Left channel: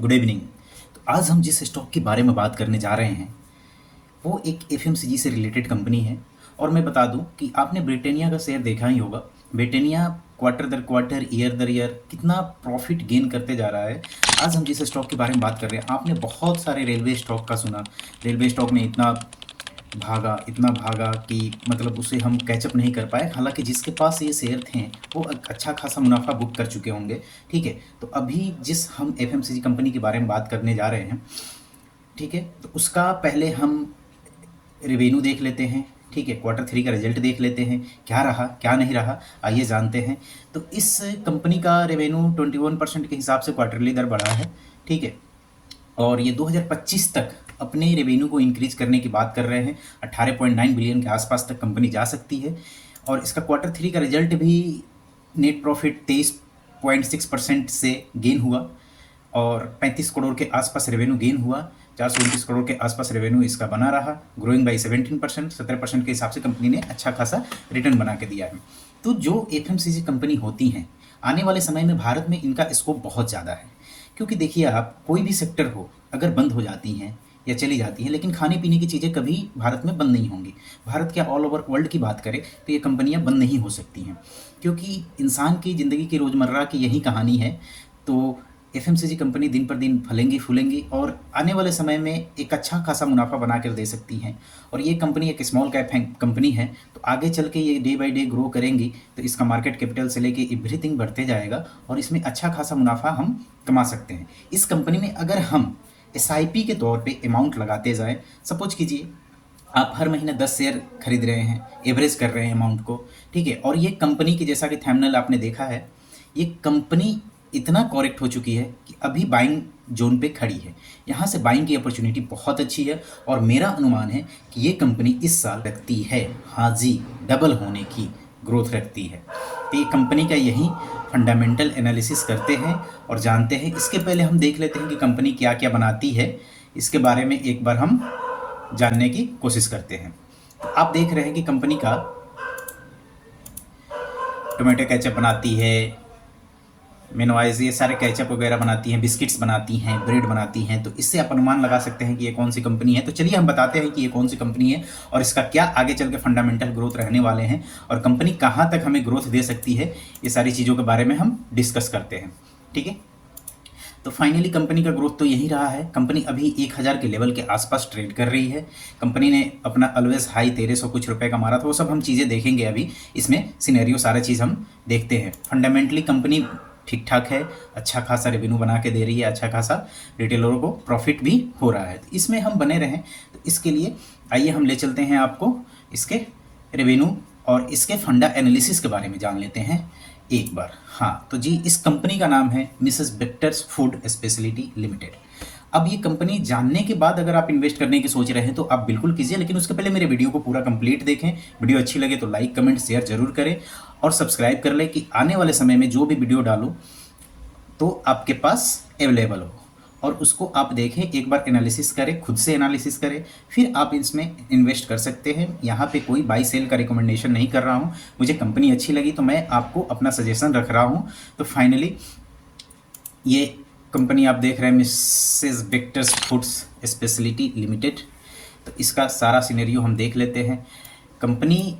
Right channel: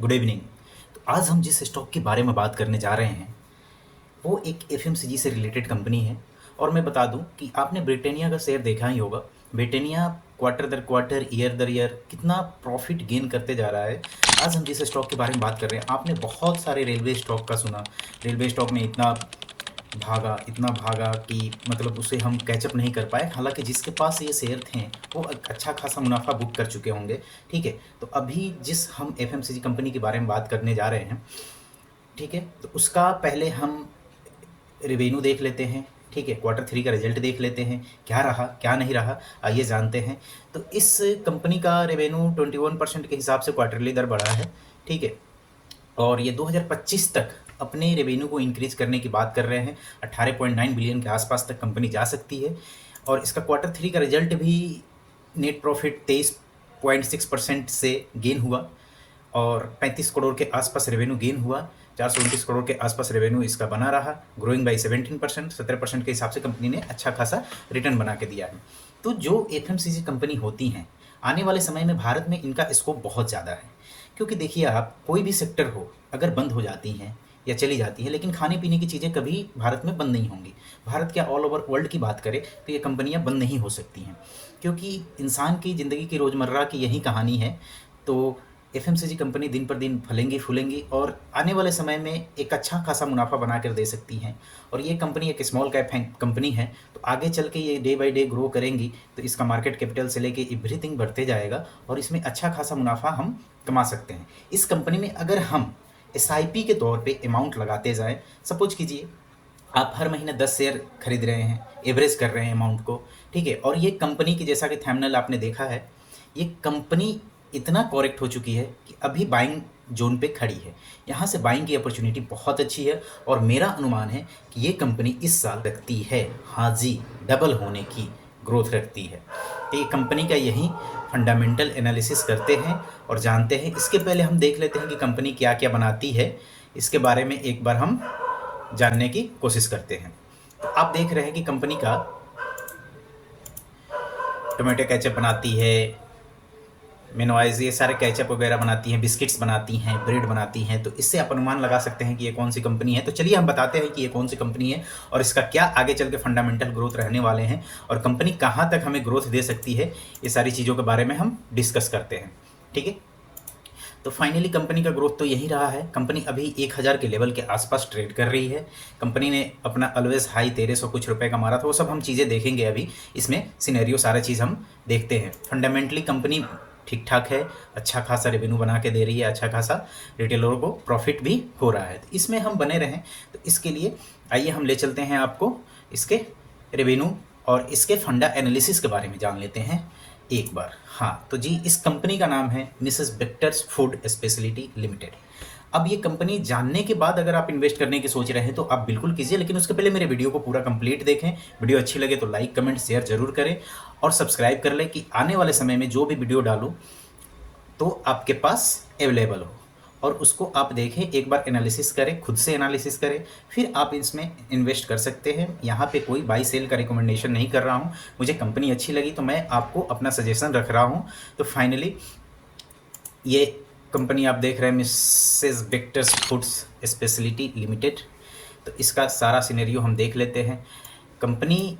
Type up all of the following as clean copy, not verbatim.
Good evening. तो आज हम जिस स्टॉक के बारे में बात करने जा रहे हैं वो एक एफएमसीजी से रिलेटेड कंपनी है। और मैं बता दूं कि आपने ब्रिटानिया का शेयर देखा ही होगा। ब्रिटानिया क्वार्टर दर क्वार्टर, ईयर दर ईयर कितना प्रॉफिट गेन करते जा रहा है। आज हम जिस स्टॉक के बारे में बात कर रहे हैं, आपने बहुत सारे रेलवे स्टॉक का सुना। रेलवे स्टॉक में इतना भागा कि मतलब उसे हम कैचअप नहीं कर पाए। हालांकि जिसके पास ये शेयर थे वो अच्छा खासा मुनाफा बुक कर चुके होंगे। ठीक है, तो अभी जिस हम एफएमसीजी कंपनी के बारे में बात करने जा रहे हैं, ठीक है, तो उसका पहले हम रिवेन्यू देख लेते हैं। ठीक है, क्वार्टर थ्री का रिजल्ट देख लेते हैं, क्या रहा क्या नहीं रहा, आइए जानते हैं। तो इस कंपनी का रेवेन्यू 21% के हिसाब से क्वार्टरली दर बढ़ा है। ठीक है, और ये 2025 तक अपने रेवेन्यू को इंक्रीज करने की बात कर रहे हैं। 18.9 बिलियन के आसपास तक कंपनी जा सकती है। और इसका क्वार्टर थ्री का रिजल्ट भी नेट प्रॉफिट 23.6% से गेन हुआ और 35 करोड़ के आसपास रेवेन्यू गेन हुआ। 429 करोड़ के आसपास रेवेन्यू इसका बना रहा, ग्रोइंग बाई 17%। 17% के हिसाब से कंपनी ने अच्छा खासा रिटर्न बना के दिया है। तो जो एफएमसीजी कंपनी होती हैं, आने वाले समय में भारत में इनका स्कोप बहुत ज़्यादा है। क्योंकि देखिए, आप कोई भी सेक्टर हो, अगर बंद हो जाती हैं या चली जाती है, लेकिन खाने पीने की चीज़ें कभी भारत में बंद नहीं होंगी। भारत क्या, ऑल ओवर वर्ल्ड की बात करें तो ये कंपनियां बंद नहीं हो सकती हैं, क्योंकि इंसान की ज़िंदगी की रोज़मर्रा की यही कहानी है। तो एफएमसीजी कंपनी दिन पर दिन फलेंगी फूलेंगी और आने वाले समय में एक अच्छा खासा मुनाफा बना कर दे सकती हैं। और ये कंपनी एक स्मॉल कैप कंपनी है, तो आगे चल के ये डे बाई डे ग्रो करेंगी, तो इसका मार्केट कैपिटल से लेके एवरीथिंग बढ़ते जाएगा और इसमें अच्छा खासा मुनाफा हम कमा सकते हैं। इस कंपनी में अगर हम एसआईपी के तौर पे अमाउंट लगाते जाए, सपोज कीजिए आप हर महीने 10 शेयर खरीद रहे हैं, एवरेज कर रहे हैं अमाउंट को। ठीक है, और ये कंपनी की, जैसा कि थंबनेल आपने देखा है, ये कंपनी इतना करेक्ट हो चुकी है कि अभी बाइंग जोन पे खड़ी है। यहाँ से बाइंग की अपॉर्चुनिटी बहुत अच्छी है और मेरा अनुमान है कि ये कंपनी इस साल रखती है, हाँ जी, डबल होने की ग्रोथ रखती है। तो ये कंपनी का यही फंडामेंटल एनालिसिस करते हैं और जानते हैं। इसके पहले हम देख लेते हैं कि कंपनी क्या क्या बनाती है, इसके बारे में एक बार हम जानने की कोशिश करते हैं। तो आप देख रहे हैं कि कंपनी का टोमेटो केचप बनाती है, मेनवाइज ये सारे केचप वगैरह बनाती हैं, बिस्किट्स बनाती हैं, ब्रेड बनाती हैं। तो इससे आप अनुमान लगा सकते हैं कि ये कौन सी कंपनी है। तो चलिए हम बताते हैं कि ये कौन सी कंपनी है और इसका क्या आगे चल के फंडामेंटल ग्रोथ रहने वाले हैं और कंपनी कहाँ तक हमें ग्रोथ दे सकती है। ये सारी चीज़ों के बारे में हम डिस्कस करते हैं। ठीक है, तो फाइनली कंपनी का ग्रोथ तो यही रहा है। कंपनी अभी 1000 के लेवल के आसपास ट्रेड कर रही है। कंपनी ने अपना ऑलवेज हाई 1300 कुछ रुपए का मारा था, वो सब हम चीज़ें देखेंगे। अभी इसमें सिनेरियो सारा चीज़ हम देखते हैं। फंडामेंटली कंपनी ठीक ठाक है, अच्छा खासा रेवेन्यू बना के दे रही है, अच्छा खासा रिटेलरों को प्रॉफिट भी हो रहा है। तो इसमें हम बने रहें, तो इसके लिए आइए हम ले चलते हैं आपको इसके रेवेन्यू और इसके फंडा एनालिसिस के बारे में जान लेते हैं एक बार। हाँ, तो जी, इस कंपनी का नाम है Mrs Bector's food speciality limited. अब ये कंपनी जानने के बाद अगर आप इन्वेस्ट करने की सोच रहे हैं तो आप बिल्कुल कीजिए, लेकिन उसके पहले मेरे वीडियो को पूरा कंप्लीट देखें। वीडियो अच्छी लगे तो लाइक कमेंट शेयर जरूर करें और सब्सक्राइब कर लें कि आने वाले समय में जो भी वीडियो डालो तो आपके पास अवेलेबल हो और उसको आप देखें, एक बार एनालिसिस करें, खुद से एनालिसिस करें, फिर आप इसमें इन्वेस्ट कर सकते हैं। यहाँ पे कोई बाई सेल का रिकमेंडेशन नहीं कर रहा हूँ। मुझे कंपनी अच्छी लगी तो मैं आपको अपना सजेशन रख रहा हूँ। तो फाइनली ये कंपनी आप देख रहे हैं Mrs Bector's foods speciality limited. तो इसका सारा सिनेरियो हम देख लेते हैं। कंपनी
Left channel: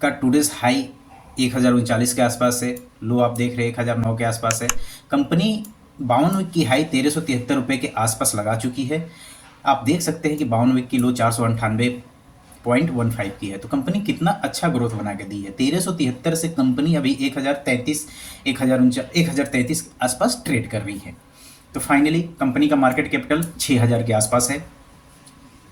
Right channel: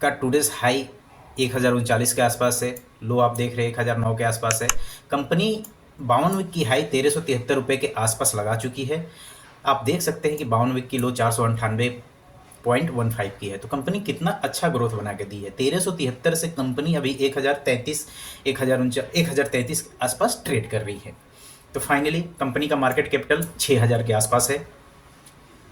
का टूडेज हाई 1039 के आसपास है, लो आप देख रहे हैं 1009 के आसपास है। कंपनी 52 वीक की हाई 1373 रुपये के आसपास लगा चुकी है। आप देख सकते हैं कि 52 वीक की लो 498.15 की है। तो कंपनी कितना अच्छा ग्रोथ बना के दी है। 1373 से कंपनी अभी 1033 के आसपास ट्रेड कर रही है। तो फाइनली कंपनी का मार्केट कैपिटल 6000 के आसपास है।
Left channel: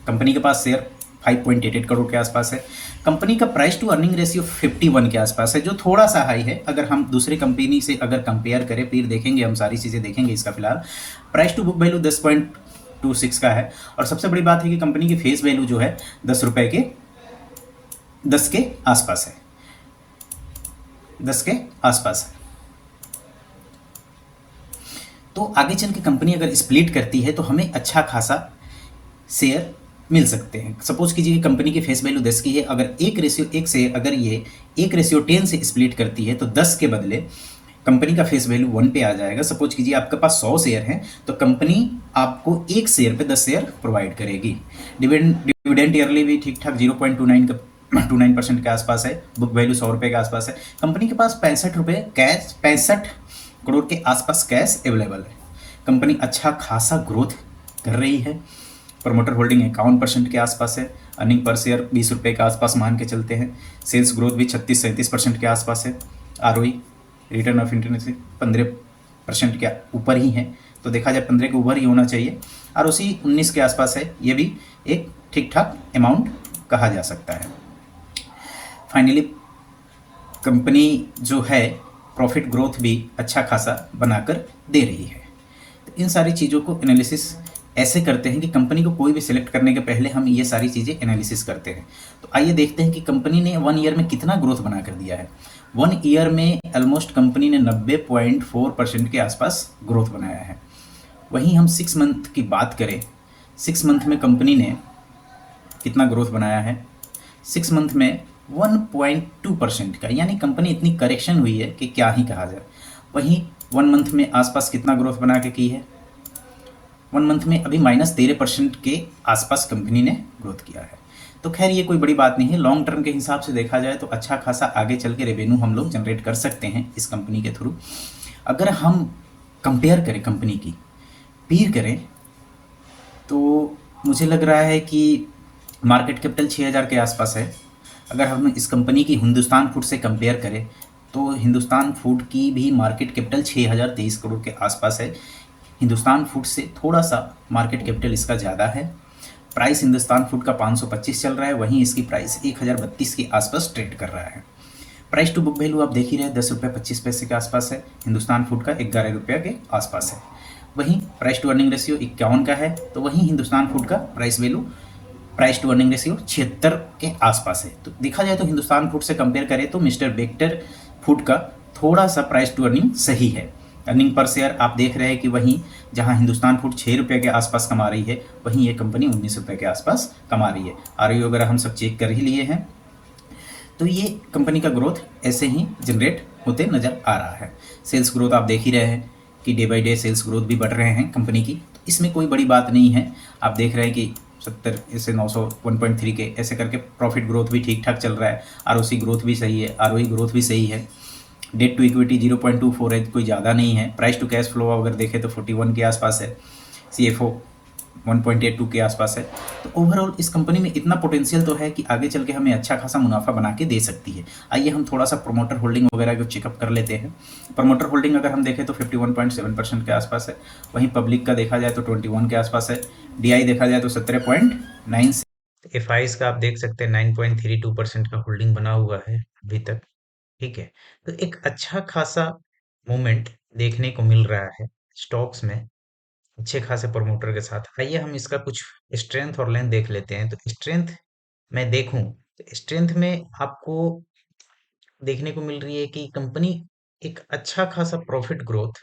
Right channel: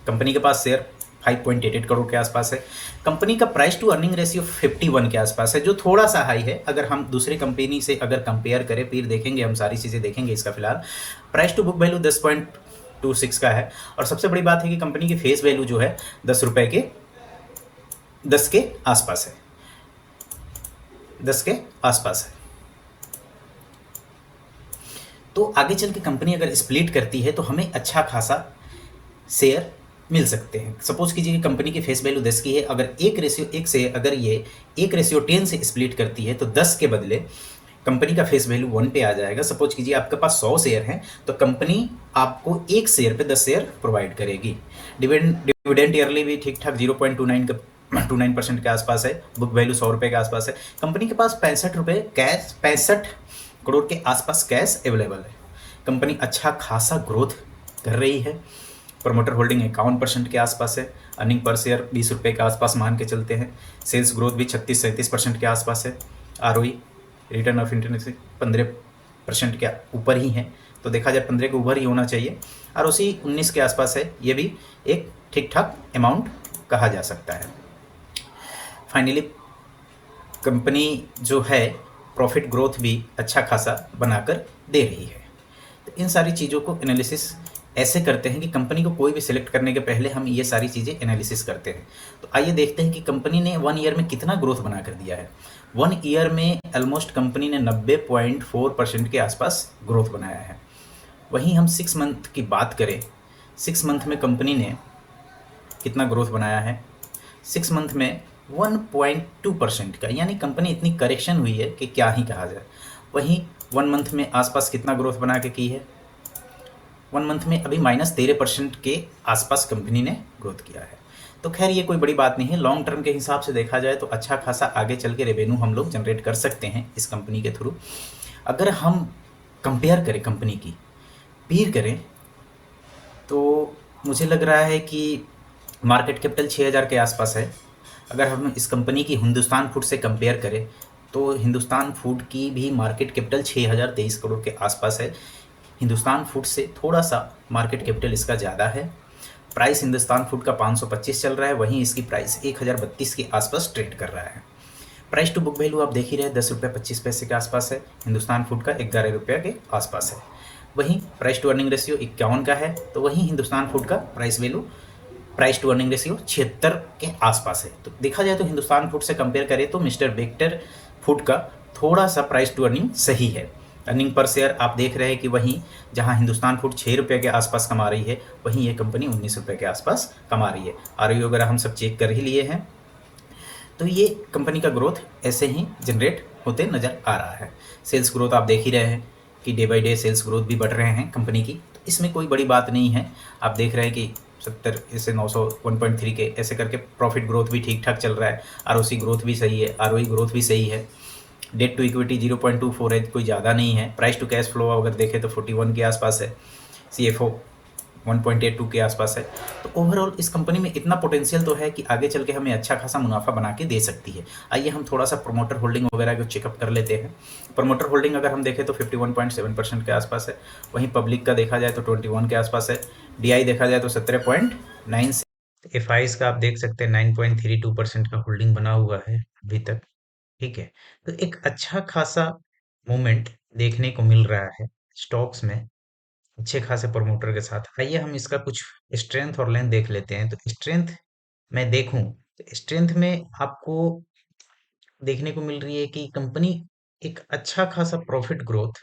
कंपनी के पास शेयर 5.88 करोड़ के आसपास है। कंपनी का प्राइस टू अर्निंग रेशियो 51 के आसपास है, जो थोड़ा सा हाई है। अगर हम दूसरे कंपनी से अगर कंपेयर करें, फिर देखेंगे, हम सारी चीज़ें देखेंगे। इसका फिलहाल प्राइस टू बुक वैल्यू 10.26 का है। और सबसे बड़ी बात है कि कंपनी की फेस वैल्यू जो है 10 के आसपास है, 10 के आसपास है। तो आगे चल के कंपनी अगर स्प्लिट करती है तो हमें अच्छा खासा शेयर मिल सकते हैं। सपोज कीजिए कंपनी की फेस वैल्यू 10 की है, अगर 1:1 से अगर ये 1:10 से स्प्लिट करती है तो 10 के बदले कंपनी का फेस वैल्यू 1 पे आ जाएगा। सपोज कीजिए आपके पास 100 शेयर हैं, तो कंपनी आपको एक शेयर पे 10 शेयर प्रोवाइड करेगी। डिविडेंड डिविडेंड ईयरली भी ठीक ठाक 0.29% के आसपास है। बुक वैल्यू 100 रुपये के आसपास है। कंपनी के पास 65 रुपये कैश, 65 करोड़ के आसपास कैश अवेलेबल है। कंपनी अच्छा खासा ग्रोथ कर रही है। प्रमोटर होल्डिंग 51% के आसपास है। अर्निंग पर शेयर 20 रुपये के आसपास मान के चलते हैं। सेल्स ग्रोथ भी 36-37% के आसपास है। आरओई, रिटर्न ऑफ इंटरनेट 15% के ऊपर ही है। तो देखा जाए 15 के ऊपर ही होना चाहिए। और उसी 19 के आसपास है। ये भी एक ठीक ठाक अमाउंट कहा जा सकता है। फाइनली कंपनी जो है प्रॉफिट ग्रोथ भी अच्छा खासा बनाकर दे रही है। तो इन सारी चीज़ों को एनालिसिस ऐसे करते हैं कि कंपनी को कोई भी सिलेक्ट करने के पहले हम ये सारी चीज़ें एनालिसिस करते हैं। तो आइए देखते हैं कि कंपनी ने 1 ईयर में कितना ग्रोथ बना कर दिया है। 1 ईयर में ऑलमोस्ट कंपनी ने 90.4% के आसपास ग्रोथ बनाया है। वहीं हम 6 मंथ की बात करें, 6 मंथ में कंपनी ने कितना ग्रोथ बनाया है। 6 मंथ में 1.2% का, यानी कंपनी इतनी करेक्शन हुई है कि क्या ही कहा जाए। वहीं 1 मंथ में आसपास कितना ग्रोथ बना के की है। 1 मंथ में अभी -13% के आसपास कंपनी ने ग्रोथ किया है। तो खैर ये कोई बड़ी बात नहीं है। लॉन्ग टर्म के हिसाब से देखा जाए तो अच्छा खासा आगे चल के रेवेन्यू हम लोग जनरेट कर सकते हैं इस कंपनी के थ्रू। अगर हम कंपेयर करें कंपनी की, पीर करें, तो मुझे लग रहा है कि मार्केट कैपिटल 6000 के आसपास है। अगर हम इस कंपनी की हिंदुस्तान फूड से कंपेयर करें तो हिंदुस्तान फूड की भी मार्केट कैपिटल 6023 करोड़ के आसपास है। हिंदुस्तान फूड से थोड़ा सा मार्केट कैपिटल इसका ज़्यादा है। प्राइस हिंदुस्तान फूड का 525 चल रहा है, वहीं इसकी प्राइस 1032 के आसपास ट्रेड कर रहा है। प्राइस टू बुक वैल्यू आप देख ही रहे हैं, 10 रुपये 25 पैसे के आसपास है। हिंदुस्तान फूड का 11 रुपये के आसपास है। वहीं प्राइस टू अर्निंग रेशियो 51 का है, तो वहीं हिंदुस्तान फूड का प्राइस टू अर्निंग रेशियो 76 के आसपास है। तो देखा जाए तो हिंदुस्तान फूड से कंपेयर करें तो मिस्टर बेक्टर फूड का थोड़ा सा प्राइस टू अर्निंग सही है। अर्निंग पर शेयर आप देख रहे हैं कि वहीं जहां हिंदुस्तान फूड 6 रुपये के आसपास कमा रही है, वहीं ये कंपनी 19 रुपये के आसपास कमा रही है। आरओई वगैरह हम सब चेक कर ही लिए हैं। तो ये कंपनी का ग्रोथ ऐसे ही जनरेट होते नज़र आ रहा है। सेल्स ग्रोथ आप देख ही रहे हैं कि day by day sales growth भी बढ़ रहे हैं कंपनी की। तो इसमें कोई बड़ी बात नहीं है। आप देख रहे हैं कि 70 से 900 1.3 के ऐसे करके प्रॉफिट ग्रोथ भी ठीक ठाक चल रहा है। आरओसी ग्रोथ भी सही है, आरओई ग्रोथ भी सही है। डेट टू इक्विटी 0.24 है, कोई ज़्यादा नहीं है। प्राइस टू कैश फ्लो अगर देखें तो 41 के आसपास है। CFO 1.82 के आसपास है। तो ओवरऑल इस कंपनी में इतना पोटेंशियल तो है कि आगे चल के हमें अच्छा खासा मुनाफा बना के दे सकती है। आइए हम थोड़ा सा प्रमोटर होल्डिंग वगैरह को चेकअप कर लेते हैं। प्रमोटर होल्डिंग अगर हम देखें तो 51.7% के आसपास है। वहीं पब्लिक का देखा जाए तो 21 के आसपास है। DI देखा जाए तो 17.9 से। FIs का आप देख सकते हैं 9.32% का होल्डिंग बना हुआ है अभी तक। ठीक है, तो एक अच्छा खासा मूवमेंट देखने को मिल रहा है स्टॉक्स में, अच्छे खासे प्रमोटर के साथ। आइए हम इसका कुछ स्ट्रेंथ और लेंथ देख लेते हैं। तो स्ट्रेंथ मैं देखूं तो स्ट्रेंथ में आपको देखने को मिल रही है कि कंपनी एक अच्छा खासा प्रॉफिट ग्रोथ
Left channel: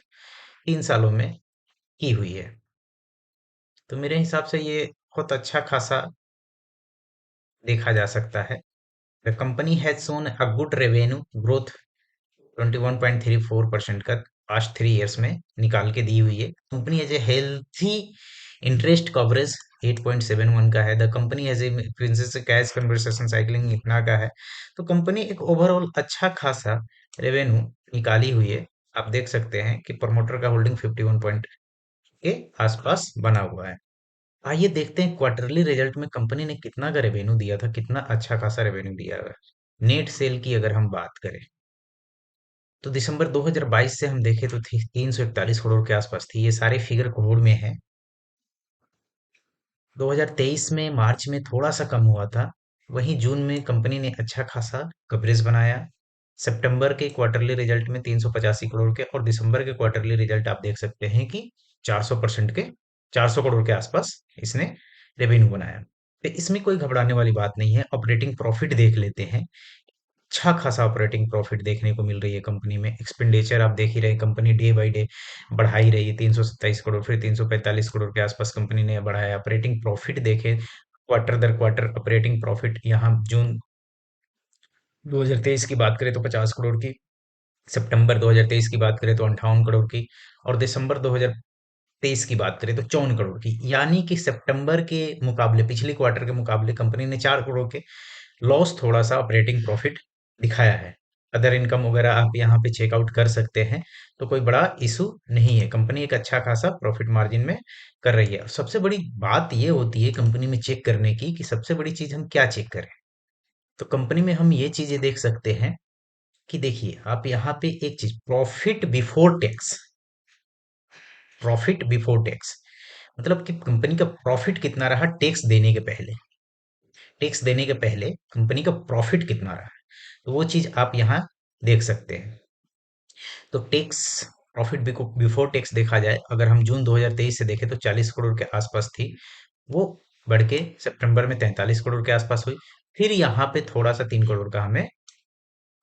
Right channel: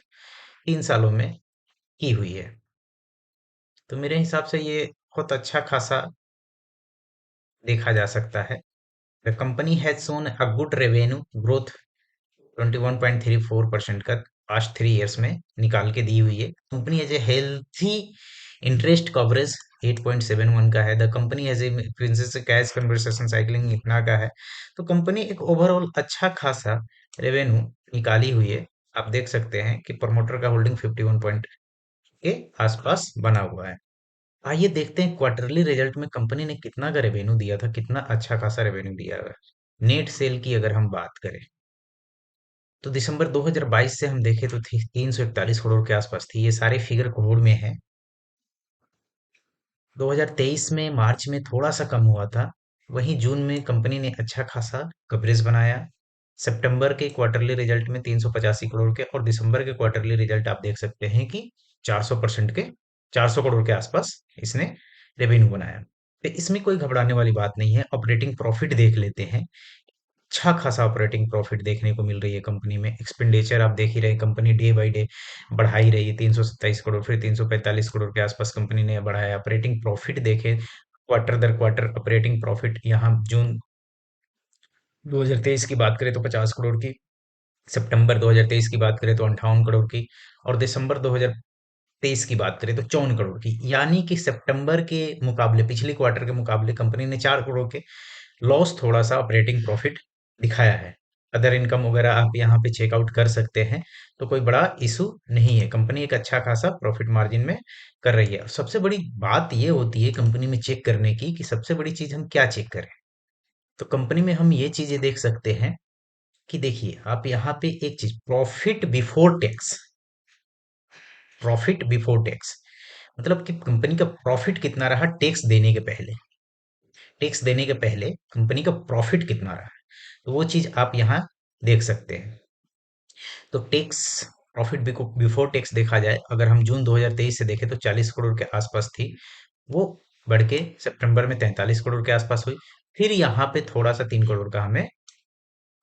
3 सालों में की हुई है। तो मेरे हिसाब से ये बहुत अच्छा खासा देखा जा सकता है। The company has shown a good revenue growth 21.34% का पास्ट 3 ईयर्स में निकाल के दी हुई है। Company as a healthy interest coverage 8.71 का है। The company as a princess cash conversation cycling इतना का है। तो कंपनी एक ओवरऑल अच्छा खासा रेवेन्यू निकाली हुई है। आप देख सकते हैं कि प्रमोटर का होल्डिंग 51 पॉइंट के आसपास बना हुआ है। आइए देखते हैं क्वार्टरली रिजल्ट में कंपनी ने कितना का रेवेन्यू दिया था, कितना अच्छा खासा रेवेन्यू दिया है। नेट सेल की अगर हम बात करें तो दिसंबर 2022 से हम देखें तो थी 341 करोड़ के आसपास थी। ये सारे फिगर करोड़ में है। 2023 में मार्च में थोड़ा सा कम हुआ था। वहीं जून में कंपनी ने अच्छा खासा कवरेज बनाया। सितंबर के क्वार्टरली रिजल्ट में 385 करोड़ के और दिसंबर के क्वार्टरली रिजल्ट आप देख सकते हैं कि 400% के 400 करोड़ के आसपास इसने रेवेन्यू बनाया। तो इसमें कोई घबराने वाली बात नहीं है। ऑपरेटिंग प्रॉफिट देख लेते हैं। अच्छा खासा ऑपरेटिंग प्रॉफिट देखने को मिल रही है कंपनी में। एक्सपेंडिचर आप देख ही रहे हैं, कंपनी डे बाय डे बढ़ा ही रही है। 327 करोड़ फिर 345 करोड़ के आसपास कंपनी ने बढ़ाया। ऑपरेटिंग प्रॉफिट देखें क्वार्टर दर क्वार्टर ऑपरेटिंग प्रॉफिट, यहाँ जून 2023 की बात करें तो 50 करोड़ की सितंबर 2023 की बात करें तो 58 करोड़ की, और दिसंबर 2023 की बात करें तो 54 करोड़ की। यानी कि सितंबर के मुकाबले, पिछले क्वार्टर के मुकाबले कंपनी ने 4 करोड़ के लॉस, थोड़ा सा ऑपरेटिंग प्रॉफिट दिखाया है। अदर इनकम वगैरह आप यहाँ पे चेकआउट कर सकते हैं, तो कोई बड़ा इशू नहीं है। कंपनी एक अच्छा खासा प्रॉफिट मार्जिन में कर रही है। और सबसे बड़ी बात ये होती है कंपनी में चेक करने की, कि सबसे बड़ी चीज हम क्या चेक करें। तो कंपनी में हम ये चीजें देख सकते हैं कि देखिए, आप यहाँ पे एक चीज, profit before tax. Profit before tax मतलब कि कंपनी का प्रॉफिट कितना रहा टैक्स देने के पहले। टैक्स देने के पहले कंपनी का प्रॉफिट कितना रहा, तो वो चीज आप यहाँ देख सकते हैं। तो टैक्स, प्रॉफिट बिफोर टैक्स देखा जाए, अगर हम जून 2023 से देखें तो 40 करोड़ के आसपास थी। वो बढ़ के सितंबर में 43 करोड़ के आसपास हुई। फिर यहाँ पे थोड़ा सा 3 करोड़ का हमें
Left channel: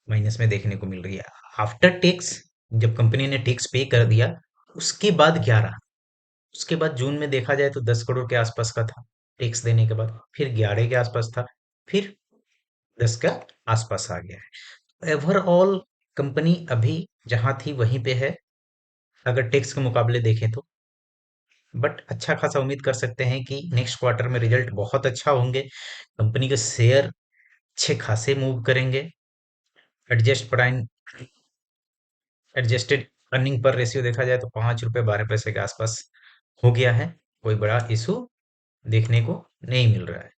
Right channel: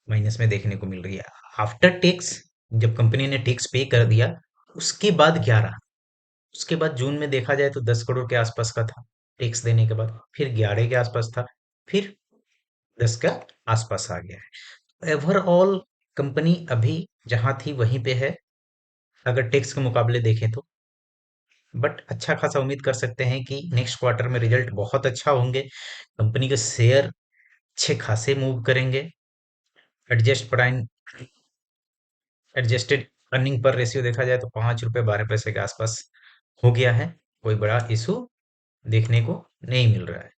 माइनस में देखने को मिल रही है। आफ्टर टैक्स, जब कंपनी ने टैक्स पे कर दिया, उसके बाद क्या रहा। उसके बाद जून में देखा जाए तो 10 करोड़ के आसपास का था टैक्स देने के बाद, फिर 11 के आसपास था, फिर 10 का आसपास आ गया है। ओवरऑल कंपनी अभी जहां थी वहीं पे है, अगर टैक्स के मुकाबले देखें तो। बट अच्छा खासा उम्मीद कर सकते हैं कि नेक्स्ट क्वार्टर में रिजल्ट बहुत अच्छा होंगे। कंपनी के शेयर अच्छे खासे मूव करेंगे। Adjust prime adjusted earning per ratio देखा जाए तो 5 रुपए 12 पैसे के आसपास हो गया है। कोई बड़ा इशू देखने को नहीं मिल रहा है।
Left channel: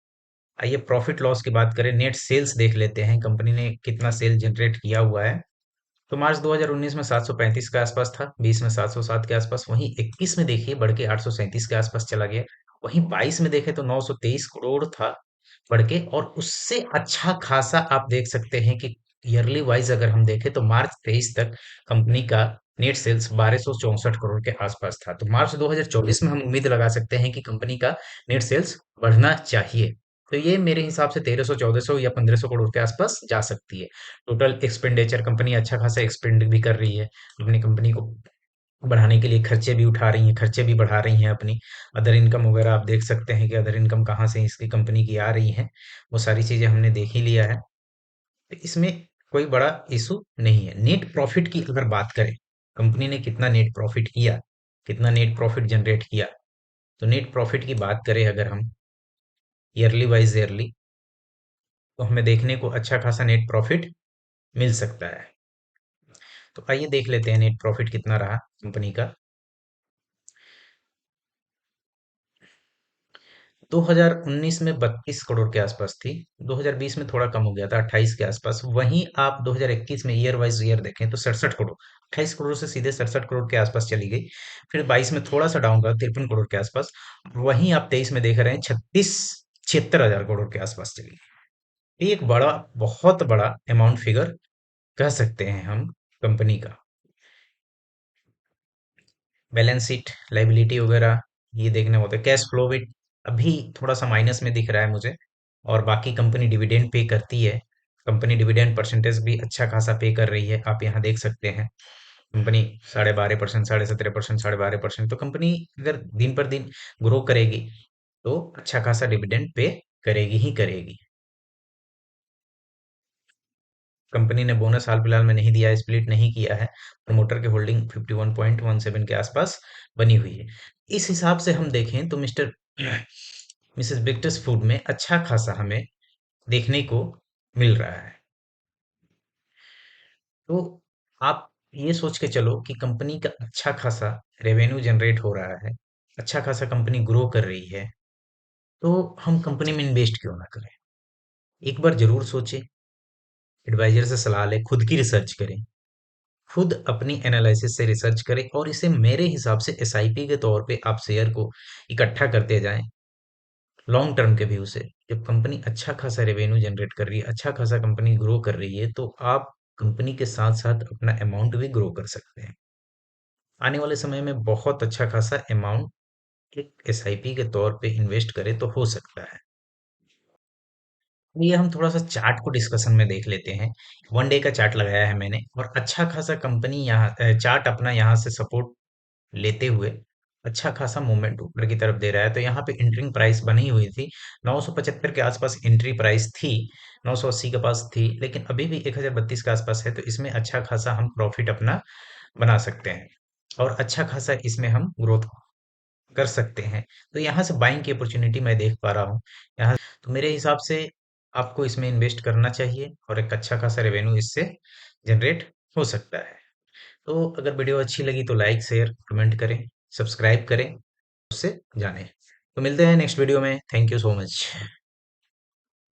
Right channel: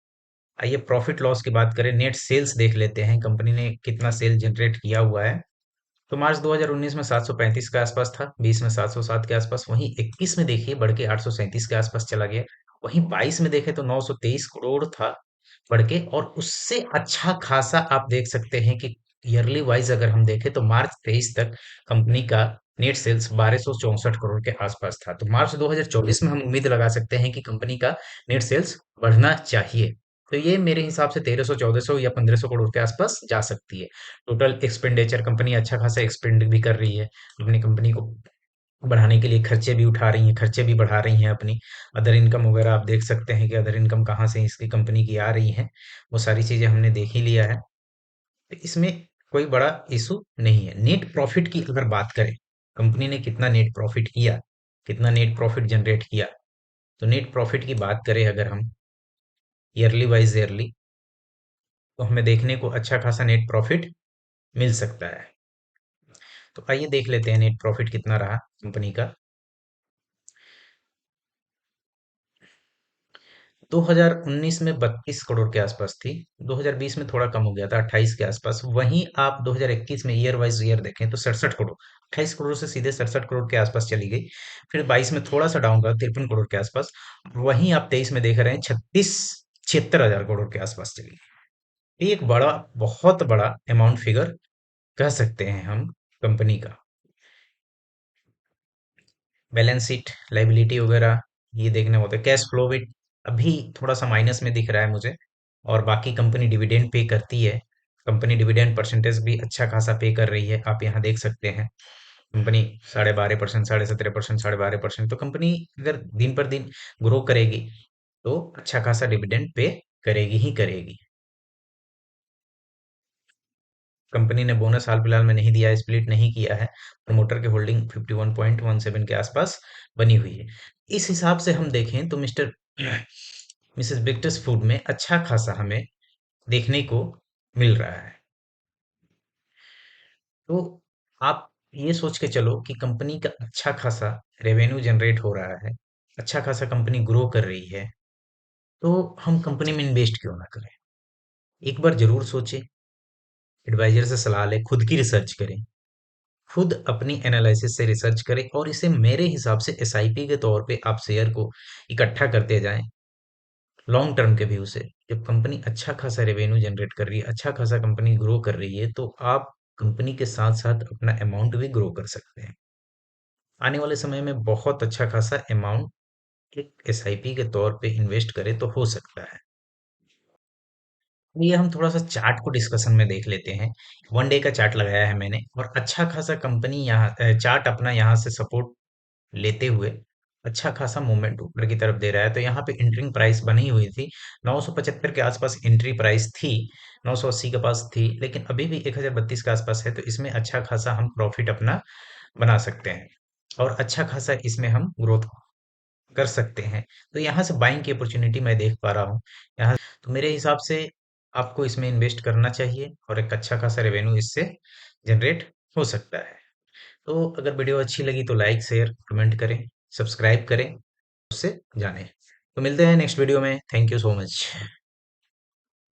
आइए प्रॉफिट लॉस की बात करें, नेट सेल्स देख लेते हैं, कंपनी ने कितना सेल जनरेट किया हुआ है। तो मार्च 2019 में 735 के आसपास था, 20 में 707 के आसपास, वहीं 21 में देखिए बढ़ के 837 के आसपास चला गया। वहीं 22 में देखें तो 923 करोड़ था बढ़ के, और उससे अच्छा खासा आप देख सकते हैं कि ईयरली वाइज अगर हम देखें तो मार्च 23 तक कंपनी का नेट सेल्स 1264 करोड़ के आसपास था। तो मार्च 2024 में हम उम्मीद लगा सकते हैं कि कंपनी का नेट सेल्स बढ़ना चाहिए। तो ये मेरे हिसाब से 1300 1400 या 1500 करोड़ के आसपास जा सकती है। टोटल एक्सपेंडिचर, कंपनी अच्छा खासा एक्सपेंड भी कर रही है, अपनी कंपनी को बढ़ाने के लिए खर्चे भी उठा रही हैं, खर्चे भी बढ़ा रही हैं अपनी। अदर इनकम वगैरह आप देख सकते हैं कि अदर इनकम कहाँ से इसकी कंपनी की आ रही है, वो सारी चीजें हमने देख ही लिया है। तो इसमें कोई बड़ा इशू नहीं है। नेट प्रॉफिट की अगर बात करें, कंपनी ने कितना नेट प्रॉफिट किया, कितना नेट प्रॉफिट जनरेट किया, तो नेट प्रॉफिट की बात करें अगर हम ईयरली वाइज ईयरली, तो हमें देखने को अच्छा खासा नेट प्रॉफिट मिल सकता है। तो आइए देख लेते हैं नेट प्रॉफिट कितना रहा कंपनी का। 2019 में 32 करोड़ के आसपास थी, 2020 में थोड़ा कम हो गया था 28 के आसपास। वहीं आप 2021 में ईयर वाइज ईयर देखें तो 67 करोड़, 28 करोड़ से सीधे 67 करोड़ के आसपास चली गई। फिर 22 में थोड़ा सा डाउन रहा 53 करोड़ के आसपास। वहीं आप 23 में देख रहे हैं 76 हजार करोड़ के आसपास चली गई। ये एक बड़ा, बहुत बड़ा अमाउंट फिगर कह सकते हैं हम कंपनी का। बैलेंस शीट, लाइबिलिटी वगैरह ये देखने होते हैं। कैश फ्लो भी अभी थोड़ा सा माइनस में दिख रहा है मुझे। और बाकी कंपनी डिविडेंड पे करती है, कंपनी डिविडेंड परसेंटेज भी अच्छा खासा पे कर रही है, आप यहाँ देख सकते हैं। कंपनी 12.5%, 17.5%, 12.5%। तो कंपनी अगर दिन पर दिन ग्रो करेगी तो अच्छा खासा डिविडेंड पे करेगी ही करेगी। कंपनी ने बोनस हाल फिलहाल में नहीं दिया है, स्प्लिट नहीं किया है। प्रमोटर की होल्डिंग 51.17 के आसपास बनी हुई है। इस हिसाब से हम देखें तो मिस्टर मिसेस बिक्टर्स फूड में अच्छा खासा हमें देखने को मिल रहा है। तो आप ये सोच के चलो कि कंपनी का अच्छा खासा रेवेन्यू जनरेट हो रहा है, अच्छा खासा कंपनी ग्रो कर रही है, तो हम कंपनी में इन्वेस्ट क्यों ना करें। एक बार जरूर सोचें, एडवाइजर से सलाह लें, खुद की रिसर्च करें, खुद अपनी एनालिसिस से रिसर्च करें, और इसे मेरे हिसाब से एसआईपी के तौर पे आप शेयर को इकट्ठा करते जाएं लॉन्ग टर्म के व्यू से। जब कंपनी अच्छा खासा रेवेन्यू जनरेट कर रही है, अच्छा खासा कंपनी ग्रो कर रही है, तो आप कंपनी के साथ साथ अपना अमाउंट भी ग्रो कर सकते हैं। आने वाले समय में बहुत अच्छा खासा अमाउंट एक एसआईपी के तौर पे इन्वेस्ट करें तो हो सकता है। ये हम थोड़ा सा चार्ट को डिस्कशन में देख लेते हैं। वन डे का चार्ट लगाया है मैंने, और अच्छा खासा कंपनी यहाँ चार्ट अपना यहाँ से सपोर्ट लेते हुए अच्छा खासा मूवमेंट ऊपर की तरफ दे रहा है। तो यहाँ पे एंटरिंग प्राइस बनी हुई थी 975 के आसपास एंट्री प्राइस थी, 980 के पास थी, लेकिन अभी भी 1032 के आसपास है। तो इसमें अच्छा खासा हम प्रॉफिट अपना बना सकते हैं और अच्छा खासा इसमें हम ग्रोथ कर सकते हैं। तो यहाँ से बाइंग की अपॉर्चुनिटी मैं देख पा रहा हूँ यहाँ। तो मेरे हिसाब से आपको इसमें इन्वेस्ट करना चाहिए और एक अच्छा खासा रेवेन्यू इससे जनरेट हो सकता है। तो अगर वीडियो अच्छी लगी तो लाइक शेयर कमेंट करें, सब्सक्राइब करें, उससे जानें। तो मिलते हैं नेक्स्ट वीडियो में। Thank you so much.